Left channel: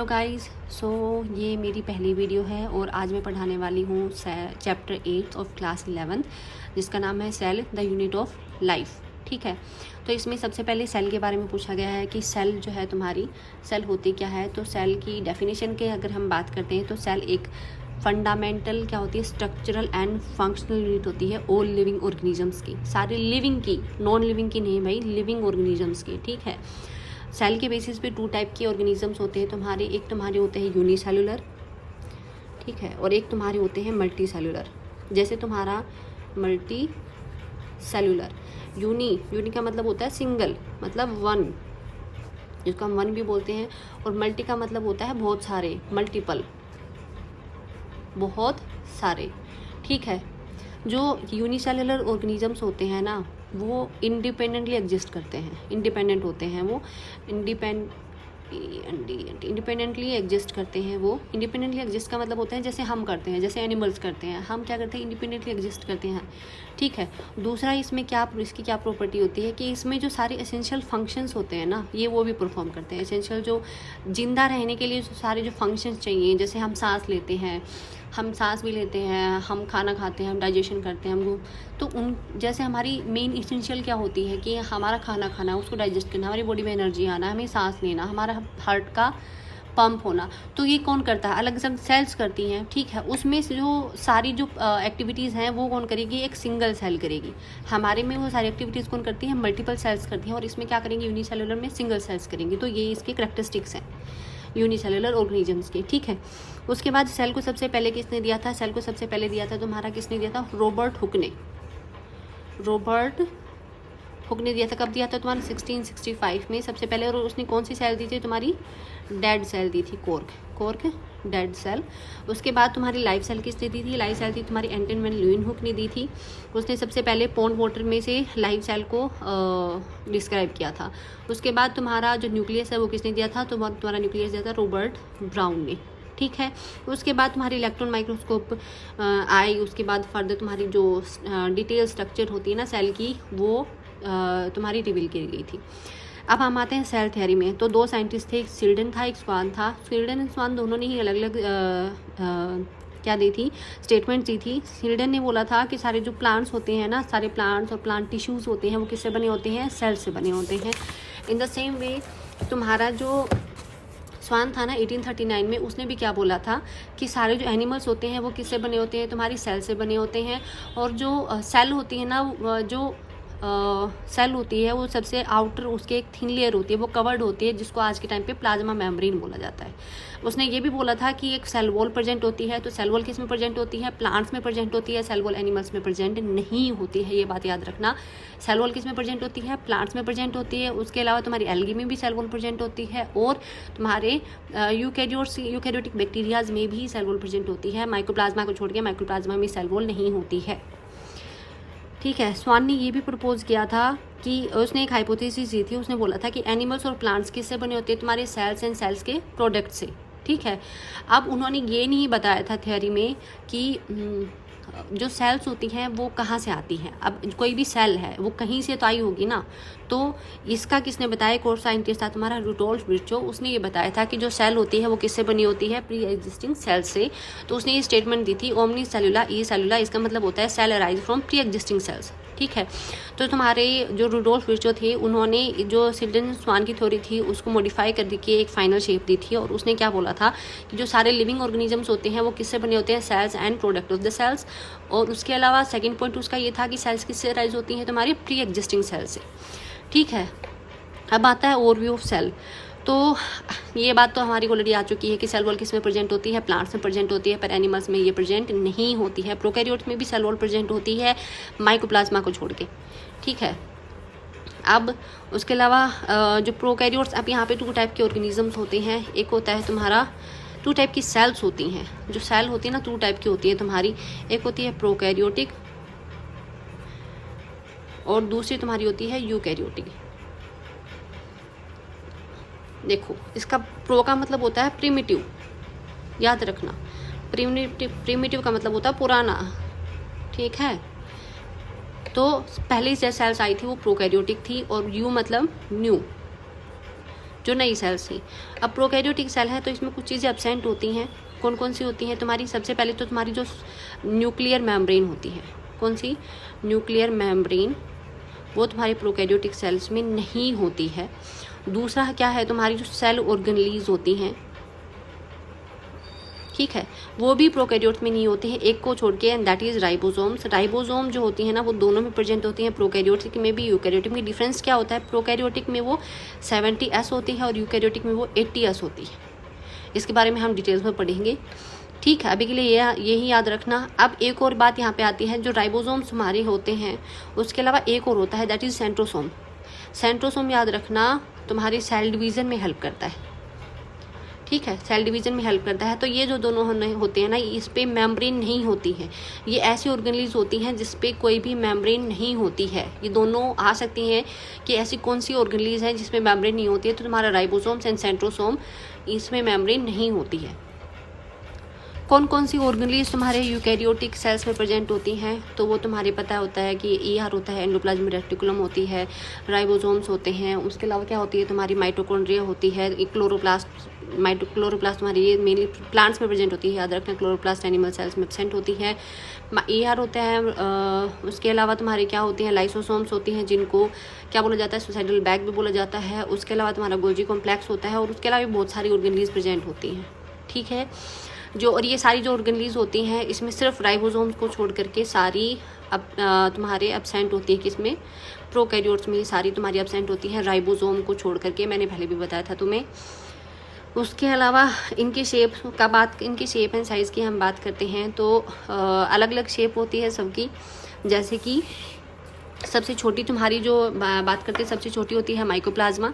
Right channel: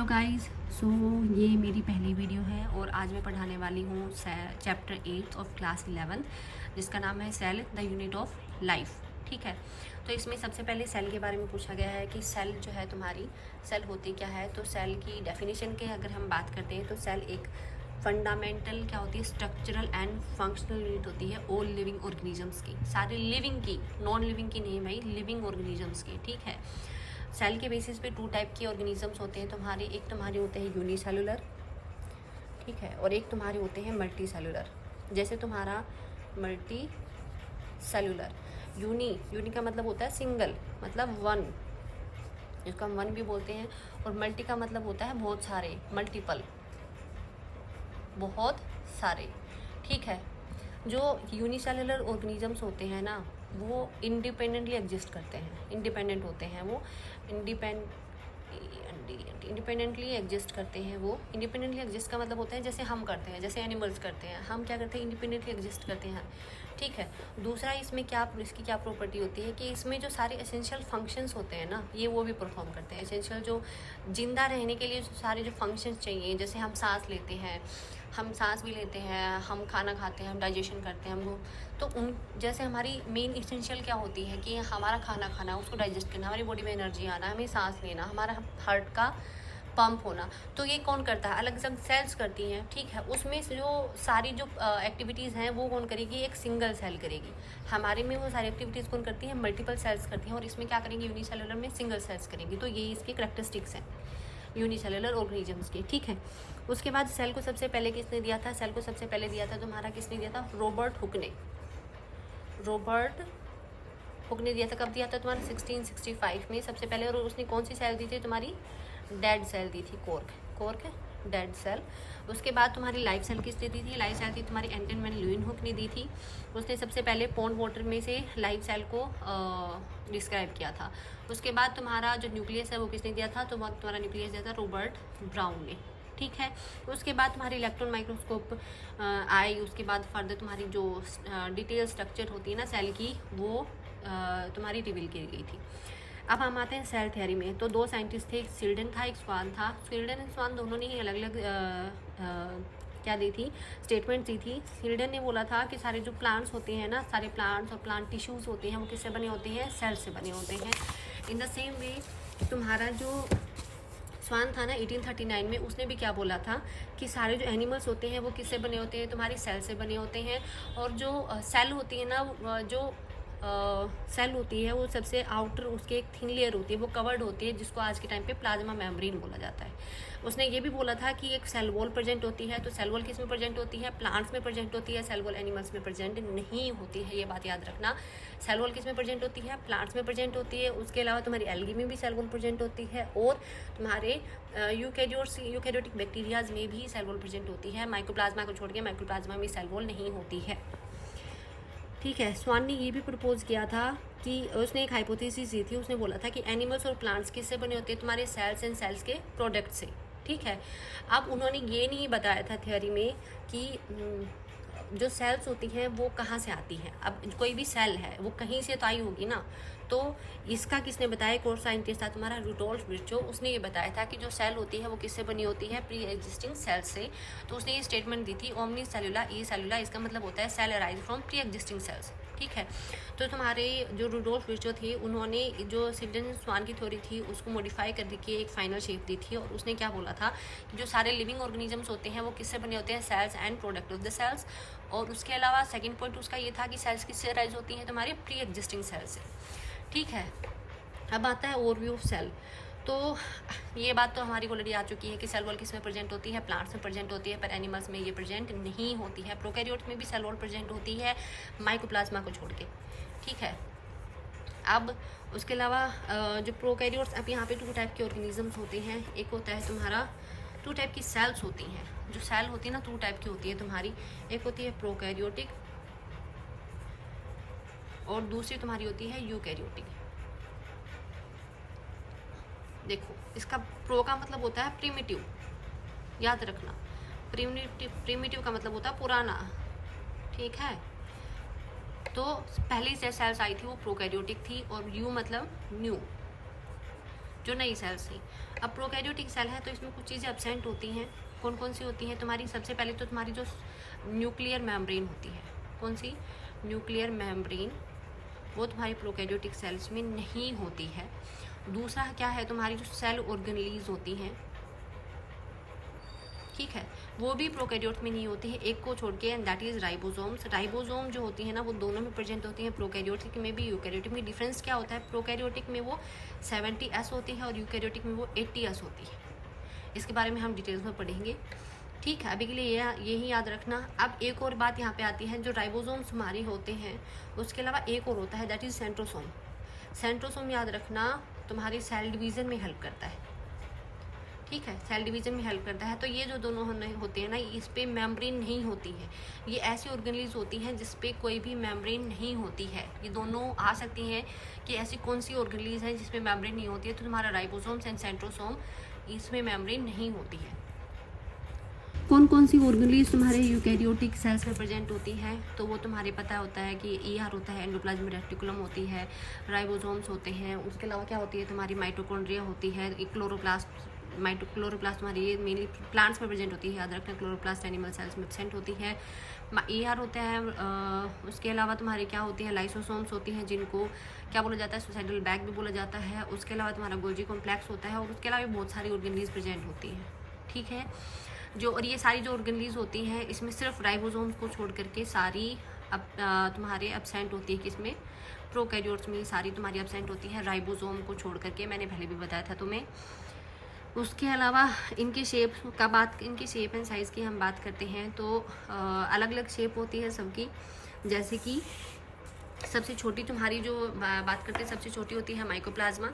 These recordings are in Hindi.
हेलो गाइस, सो ये मेरी पहली वीडियो है और आज मैं पढ़ाने वाली हूँ चैप्टर 8 ऑफ क्लास 11 जिसका नाम है cell the unit of life. ठीक है, तो इसमें सबसे पहले सेल के बारे में पूछा गया है कि सेल जो है तुम्हारी सेल होती क्या है। तो सेल की डेफिनेशन के अगर हम बात करते हैं तो सेल एक फंडामेंटल क्या होती है, स्ट्रक्चरल एंड फंक्शनल यूनिट होती है ऑल लिविंग ऑर्गेनिजम्स की, सारे लिविंग की, नॉन लिविंग की नहीं भाई, लिविंग ऑर्गेनिजम्स की। ठीक है, सेल के बेसिस पे टू टाइप के ऑर्गेनिजम्स होते हैं तुम्हारे, एक तुम्हारे होते हैं यूनिसेलुलर, ठीक है, और एक तुम्हारे होते हैं मल्टी सेलुलर। जैसे तुम्हारा मल्टी सेलुलर, यूनी का मतलब होता है सिंगल, मतलब वन, जिसको हम वन भी बोलते हैं, और मल्टी का मतलब होता है बहुत सारे, मल्टीपल, बहुत सारे। ठीक है, जो यूनिसेलुलर ऑर्गेनिजम्स होते हैं ना वो इंडिपेंडेंटली एग्जिस्ट करते हैं, इंडिपेंडेंट होते हैं वो, इंडिपेंडेंटली एग्जिस्ट करते हैं वो। इंडिपेंडेंटली एग्जिस्ट का मतलब होता है जैसे हम करते हैं, जैसे एनिमल्स करते हैं, हम क्या करते हैं, इंडिपेंडेंटली एग्जिस्ट करते हैं। ठीक है, दूसरा इसमें इसकी क्या प्रॉपर्टी होती है कि इसमें जो सारे एसेंशियल फंक्शंस होते हैं ना ये वो भी परफॉर्म करते हैं। एसेंशियल जो जिंदा रहने के लिए जो सारे जो फंक्शंस चाहिए, जैसे हम सांस लेते हैं, हम सांस भी लेते हैं, हम खाना खाते हैं, हम डाइजेशन करते हैं, हमको तो उन जैसे हमारी मेन इसेंशियल क्या होती है कि हमारा खाना खाना, उसको डाइजेस्ट करना, हमारी बॉडी में एनर्जी आना, हमें सांस लेना, हमारा हार्ट का पंप होना, तो ये कौन करता है, अलग अलग सेल्स करती हैं। ठीक है, उसमें से जो सारी जो एक्टिविटीज़ हैं वो कौन करेगी, एक सिंगल सेल करेगी। हमारे में वो सारी एक्टिविटीज़ कौन करती है, मल्टीपल सेल्स करती हैं, और इसमें क्या करेंगे, यूनिसेलुलर में सिंगल सेल्स करेंगे। तो ये इसके करैक्टरिस्टिक्स हैं यूनिसेलुलर ऑर्गेनिजम्स के। ठीक है, उसके बाद सेल को सबसे पहले किसने दिया था, सेल को सबसे पहले दिया था तुम्हारा, किसने दिया था, रॉबर्ट हुक ने दिया था। कब दिया था तुम्हारा, 1665 में सबसे पहले। और उसने कौन सी सेल दी थी तुम्हारी, डेड सेल दी थी, कॉर्क डेड सेल। उसके बाद तुम्हारी लाइफ सेल किसने दी थी, लाइफ सेल थी तुम्हारी एंटन वैन ल्यूइनहुक ने दी थी। उसने सबसे पहले पॉन्ड वाटर में से लाइफ सेल को डिस्क्राइब किया था। उसके बाद तुम्हारा जो न्यूक्लियस है वो किसने दिया था, तो तुम्हारा न्यूक्लियस दिया था रॉबर्ट ब्राउन ने। ठीक है, उसके बाद तुम्हारी इलेक्ट्रॉन माइक्रोस्कोप आई। उसके बाद फर्दर तुम्हारी जो डिटेल स्ट्रक्चर होती है ना सेल की वो तुम्हारी रिवील की गई थी। अब हम आते हैं सेल थ्योरी में। तो दो साइंटिस्ट थे, एक स्वील्डन था, एक स्वान था। स्वील्डन एंड स्वान दोनों ने ही अलग अलग क्या दी थी, स्टेटमेंट दी थी। स्वील्डन ने बोला था कि सारे जो प्लांट्स होते हैं ना, सारे प्लांट्स और प्लांट टिश्यूज़ होते हैं वो किससे बने होते हैं, सेल से बने होते हैं। इन द सेम वे तुम्हारा जो स्वान था ना 1839 में, उसने भी क्या बोला था कि सारे जो एनिमल्स होते हैं वो किससे बने होते हैं, तुम्हारी सेल से बने होते हैं। और जो सेल होती है ना, जो सेल होती है वो सबसे आउटर उसके एक थिन लेयर होती है, वो कवर्ड होती है, जिसको आज के टाइम पे प्लाज्मा मेम्ब्रेन बोला जाता है। उसने ये भी बोला था कि एक सेल वॉल प्रेजेंट होती है। तो सेल वॉल किस में प्रेजेंट होती है, प्लांट्स में प्रेजेंट होती है, सेल वॉल एनिमल्स में प्रेजेंट नहीं होती है, ये बात याद रखना। सेल वॉल किस में प्रेजेंट होती है, प्लांट्स में प्रेजेंट होती है। उसके अलावा तुम्हारी एल्गी में भी सेल वॉल प्रेजेंट होती है, और तुम्हारे यूकैरियोटिक बैक्टीरियाज में भी सेल वॉल प्रेजेंट होती है। माइक्रोप्लाज्मा को छोड़ के माइक्रोप्लाज्मा में सेल वॉल नहीं होती है। ठीक है, स्वान ने ये भी प्रपोज किया था कि उसने एक हाइपोथेसिस दी थी, उसने बोला था कि एनिमल्स और प्लांट्स किससे बने होते हैं, तुम्हारे सेल्स एंड सेल्स के प्रोडक्ट से। ठीक है, अब उन्होंने ये नहीं बताया था थ्योरी में कि जो सेल्स होती हैं वो कहाँ से आती हैं। अब कोई भी सेल है वो कहीं से तो आई होगी ना, तो इसका किसने बताया, एक और साइंटिस्ट था तुम्हारा रुडोल्फ विर्चो, उसने ये बताया था कि जो सेल होती है वो किससे बनी होती है, प्री एग्जिस्टिंग सेल से। तो उसने ये स्टेटमेंट दी थी, ओमनी सेलुला ई सेलुला, इसका मतलब होता है cell arise from pre existing cells. ठीक है, तो तुम्हारे जो रुडोल्फ विर्चो थे उन्होंने जो स्वील्डन स्वान की थ्योरी थी उसको मॉडिफाई कर के एक फाइनल शेप दी थी, और उसने क्या बोला था कि जो सारे लिविंग ऑर्गेनिजम्स होते हैं वो किससे बने होते हैं, cells and product of the cells. और उसके अलावा सेकंड पॉइंट उसका ये था कि सेल्स किससे अराइज होती हैं, तुम्हारी प्री एग्जिस्टिंग सेल से। ठीक है, अब आता है ओवरव्यू ऑफ सेल। तो ये बात तो हमारी ऑलरेडी आ चुकी है कि सेल वॉल किस में प्रेजेंट होती है, प्लांट्स में प्रेजेंट होती है, पर एनिमल्स में ये प्रेजेंट नहीं होती है। प्रोकैरियोट्स में भी सेल वॉल प्रेजेंट होती है, माइक्रोप्लाज्मा को छोड़ के। ठीक है, अब उसके अलावा जो प्रोकैरियोट्स, अब यहाँ पे टू टाइप के ऑर्गेनिजम्स होते हैं। एक होता है तुम्हारा, टू टाइप की सेल्स होती हैं, जो सेल होती है ना टू टाइप की होती है तुम्हारी, एक होती है प्रोकैरियोटिक और दूसरी तुम्हारी होती है यूकैरियोटिक। देखो, इसका प्रो का मतलब होता है प्रिमिटिव, याद रखना, प्रिमिटिव का मतलब होता है पुराना। ठीक है, तो पहले जो सेल्स आई थी वो प्रोकैरियोटिक थी, और यू मतलब न्यू, जो नई सेल्स थी। अब प्रोकैरियोटिक सेल है तो इसमें कुछ चीज़ें एब्सेंट होती हैं। कौन कौन सी होती हैं तुम्हारी? सबसे पहले तो तुम्हारी जो न्यूक्लियर मेम्ब्रेन होती है, कौन सी? न्यूक्लियर मेम्ब्रेन, वो तुम्हारी प्रोकैरियोटिक सेल्स में नहीं होती है। दूसरा क्या है, तुम्हारी जो सेल ऑर्गेनेलीज होती हैं, ठीक है, वो भी प्रोकैरियोट्स में नहीं होते हैं, एक को छोड़ के, and that is ribosomes. Ribosome जो होती है ना वो दोनों में प्रेजेंट होती हैं, प्रोकैरियोटिक में भी यूकैरियोटिक में। डिफरेंस क्या होता है? प्रोकैरियोटिक में वो 70S होती है और यूकैरियोटिक में वो 80S होती है। इसके बारे में हम डिटेल्स में पढ़ेंगे, ठीक है। अभी के लिए यही याद रखना। अब एक और बात यहाँ पे आती है, जो राइबोसोम्स हमारे होते हैं उसके अलावा एक और होता है, दैट इज सेंट्रोसोम। सेंट्रोसोम याद रखना तुम्हारे सेल डिवीज़न में हेल्प करता है, ठीक है, सेल डिवीज़न में हेल्प करता है। तो ये जो दोनों होते हैं ना, इस पे मेम्ब्रेन नहीं होती है। ये ऐसी ऑर्गेनेलीज होती हैं जिस पे कोई भी मेम्ब्रेन नहीं होती है। ये दोनों आ सकती हैं कि ऐसी कौन सी ऑर्गेनेलीज है जिसमें मेम्ब्रेन नहीं होती है, तो तुम्हारा राइबोसोम्स एंड सेंट्रोसोम, इसमें मेम्ब्रेन नहीं होती है। कौन कौन सी ऑर्गेनेलीज तुम्हारे यूकैरियोटिक सेल्स में प्रेजेंट होती हैं? तो वो तुम्हारे पता होता है कि ER होता है, एंडोप्लाज्मिक रेटिकुलम होती है, राइबोसोम्स होते हैं। उसके अलावा क्या होती है तुम्हारी? माइटोकॉन्ड्रिया होती है, क्लोरोप्लास्ट, क्लोरोप्लास्ट तुम्हारी ये मेनली प्लांट्स में प्रेजेंट होती है, याद रखना। क्लोरोप्लास्ट एनिमल सेल्स में प्रेजेंट होती है। ER होता है। उसके अलावा तुम्हारी क्या होती हैं? लाइसोसोम्स होती हैं, जिनको क्या बोला जाता है? सुसाइडल बैग भी बोला जाता है। उसके अलावा तुम्हारा गोल्जी कॉम्प्लेक्स होता है, और उसके अलावा बहुत सारी ऑर्गेनेलीज प्रेजेंट होती हैं, ठीक है। जो और ये सारी जो ऑर्गेनेलीज होती हैं, इसमें सिर्फ राइबोसोम्स को छोड़ करके सारी अब तुम्हारे एब्सेंट होती है। किसमें? प्रोकैरियोट्स में ये सारी तुम्हारी एब्सेंट होती है, राइबोसोम को छोड़ करके, मैंने पहले भी बताया था तुम्हें। उसके अलावा इनकी शेप एंड साइज़ की हम बात करते हैं तो अलग अलग शेप होती है सबकी। जैसे कि सबसे छोटी तुम्हारी जो बात करते हैं, सबसे छोटी होती है माइकोप्लाज्मा,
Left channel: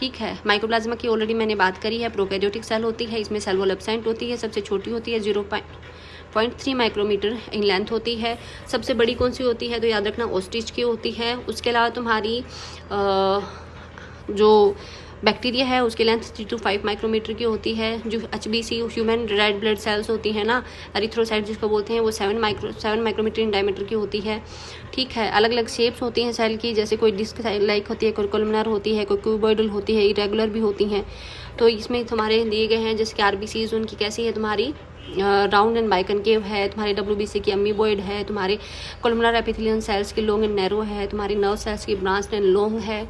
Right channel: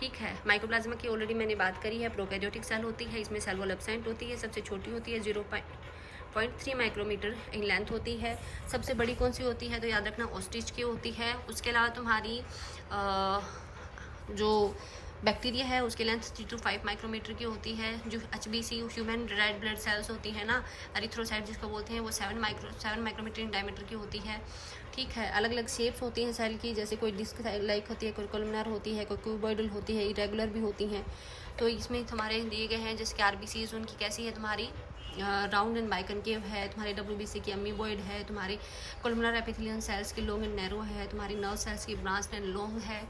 ठीक है। माइकोप्लाज्मा की ऑलरेडी मैंने बात करी है। प्रोकैरियोटिक सेल होती है, इसमें सेल वॉल एब्सेंट होती है। सबसे छोटी होती है 0.3 माइक्रोमीटर इन लेंथ होती है। सबसे बड़ी कौन सी होती है? तो याद रखना ऑस्ट्रिच की होती है। उसके अलावा तुम्हारी जो बैक्टीरिया है उसकी लेंथ 3 to 5 माइक्रोमीटर की होती है। जो HBC human red blood cells होती है ना, एरिथ्रोसाइट जिसको बोलते हैं, वो 7 माइक्रोमीटर इन डायमीटर की होती है, ठीक है। अलग अलग शेप्स होती हैं सेल की, जैसे कोई डिस्क लाइक होती है, कोई कोलमनार होती है, कोई क्यूबॉइडल होती है, इरेगुलर भी होती हैं। तो इसमें तुम्हारे दिए गए हैं, जैसे कि RBCs उनकी कैसी है तुम्हारी? राउंड एंड बाइकनकेव है। तुम्हारे WBC की अमीबॉइड है। तुम्हारे कोलमनार एपिथेलियन सेल्स की लॉन्ग एंड नैरो है। तुम्हारी नर्व सेल्स की ब्रांच एंड लॉन्ग है।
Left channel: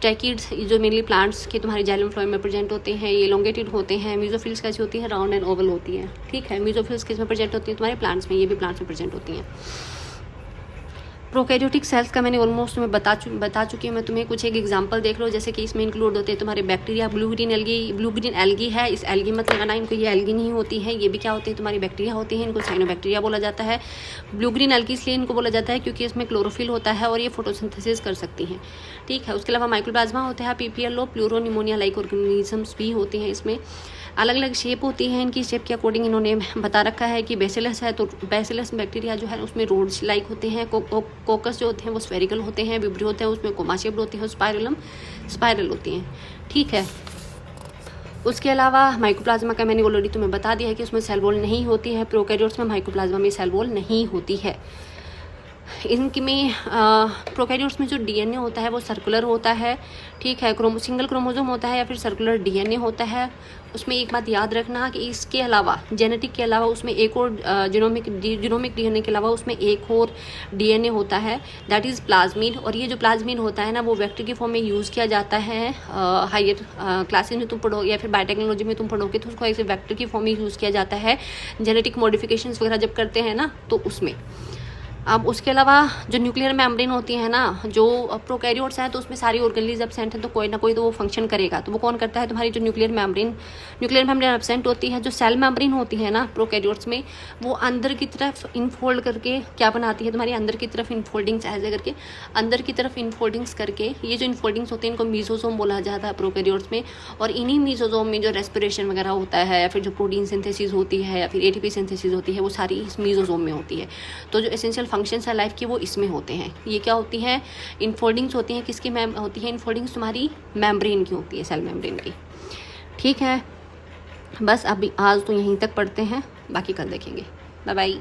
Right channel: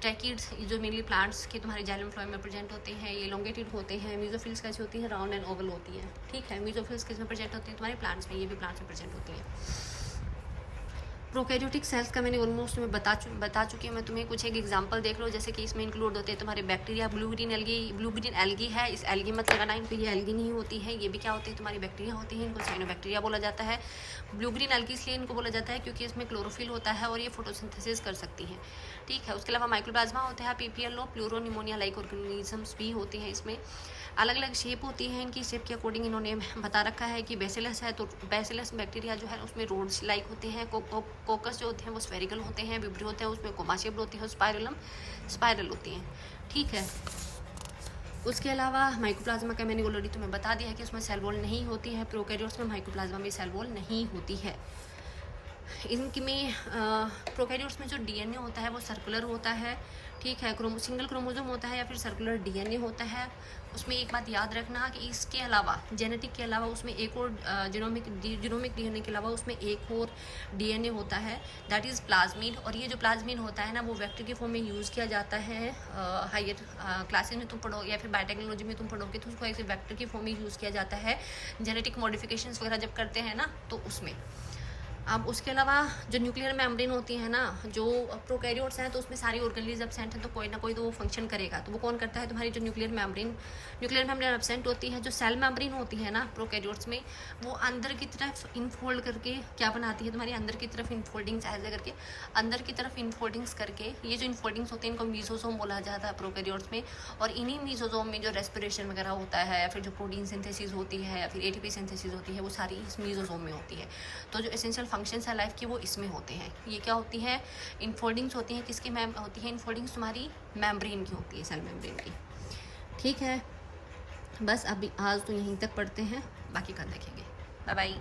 ट्रैकिड्स जो मेनली प्लांट्स के तुम्हारे जाइलम फ्लोएम में प्रेजेंट होते हैं, ये एलोंगेटेड होते हैं। मीजोफिल्स कैसी होती है? राउंड एंड ओवल होती है, ठीक है। मीजोफिल्स किस में प्रेजेंट होती है? तुम्हारे प्लांट्स में, ये भी प्लांट्स में प्रेजेंट होती हैं। प्रोकैरियोटिक सेल्स का मैंने ऑलमोस्ट तुम्हें बता चुकी हूँ मैं तुम्हें। कुछ एक एग्जांपल देख लो, जैसे कि इसमें इंक्लूड होते हैं तुम्हारे बैक्टीरिया। ब्लू ग्रीन एल्गी है, इस एल्गी मत लगाना, इनको ये एल्गी नहीं होती है। ये भी क्या होती है? तुम्हारी बैक्टीरिया होती है, इनको साइनोबैक्टीरिया बोला जाता है। ब्लू ग्रीन एल्गी इसलिए इनको बोला जाता है क्योंकि इसमें क्लोरोफिल होता है और ये फोटोसिंथेसिस कर सकती हैं, ठीक है। उसके अलावा माइक्रोप्लाज्मा होता है, PPLO, प्लूरोनिमोनिया लाइक ऑर्गेनिजम्स भी होती हैं। इसमें अलग अलग शेप होती है। इनकी शेप के अकॉर्डिंग इन्होंने बता रखा है कि बेसिलस है तो बेसिलस बैक्टीरिया जो है उसमें रोड्स लाइक होते हैं। कोकस जो होते हैं वो स्फेरिकल होते हैं। विब्रियो होते हैं उसमें कोमा शेप्ड होती है। स्पाइरलम स्पाइरल होती हैं, ठीक है। उसके अलावा माइकोप्लाज्मा का मैंने ऑलरेडी तुम्हें बता दिया है कि उसमें सेल वॉल नहीं होती है। प्रोकैरियोट्स में माइकोप्लाज्मा में सेल वॉल नहीं होती है। इनकी में प्रोकैरियोट्स में जो DNA होता है वो सर्कुलर होता है, ठीक है। सिंगल क्रोमोसोम होता है या फिर सर्कुलर DNA होता है। उसमें एक बात याद रखना कि इसके अलावा जेनेटिक के अलावा उसमें एक और जीनोमिक DNA के अलावा उसमें एक और DNA होता है, दैट इज़ प्लाज्मिड। और ये जो प्लाज्मिड होता है ना वो वेक्टर के फॉर्म में यूज़ किया जाता है। हायर क्लासेज में तुम पढ़ो या फिर बायोटेक्नोलॉजी में तुम पढ़ोगे तो उसको ऐसे वेक्टर के फॉर्म में यूज़ किया जाता है जेनेटिक मॉडिफिकेशंस वगैरह जब करते हैं ना, तो उसमें। अब उसके अलावा जो न्यूक्लियर मेम्ब्रेन होती है ना, जो प्रोकैरियोट्स हैं तो उसमें सारी ऑर्गेनेलीज एब्सेंट है, तो कोई ना कोई तो वो फंक्शन करेगा। तो वो कौन करता है? तुम्हारी जो न्यूक्लियर मेम्ब्रेन एब्सेंट होती है। जो सेल मेम्ब्रेन होती है ना प्रोकैरियोट्स में, वो अंदर की तरफ इनफोल्ड करके क्या बनाती है? तुम्हारी अंदर की तरफ इनफोल्डिंग्स ऐसे करके, अंदर की तरफ इनफोल्डिंग्स करके, ये जो इनफोल्डिंग्स होती हैं इनको मीसोसोम बोला जाता है प्रोकैरियोट्स में। और इन्हीं मीसोसोम में जो रेस्पिरेशन वगैरह होता है या फिर जो प्रोटीन सिंथेसिस होती है या फिर ATP सिंथेसिस होती है, वो सारी इस मीसोसोम में होती है। तो जो एसेंशियल फंक्शंस है लाइफ के वो इसमें होते हैं। ये क्या होती है? इनफोल्डिंग्स होती हैं। किसकी होती है इनफोल्डिंग्स? तुम्हारी मेम्ब्रेन की होती है, सेल मेम्ब्रेन की, ठीक है। बस अभी आज तो यहीं तक पढ़ते हैं, बाकी कल देखेंगे। Bye bye.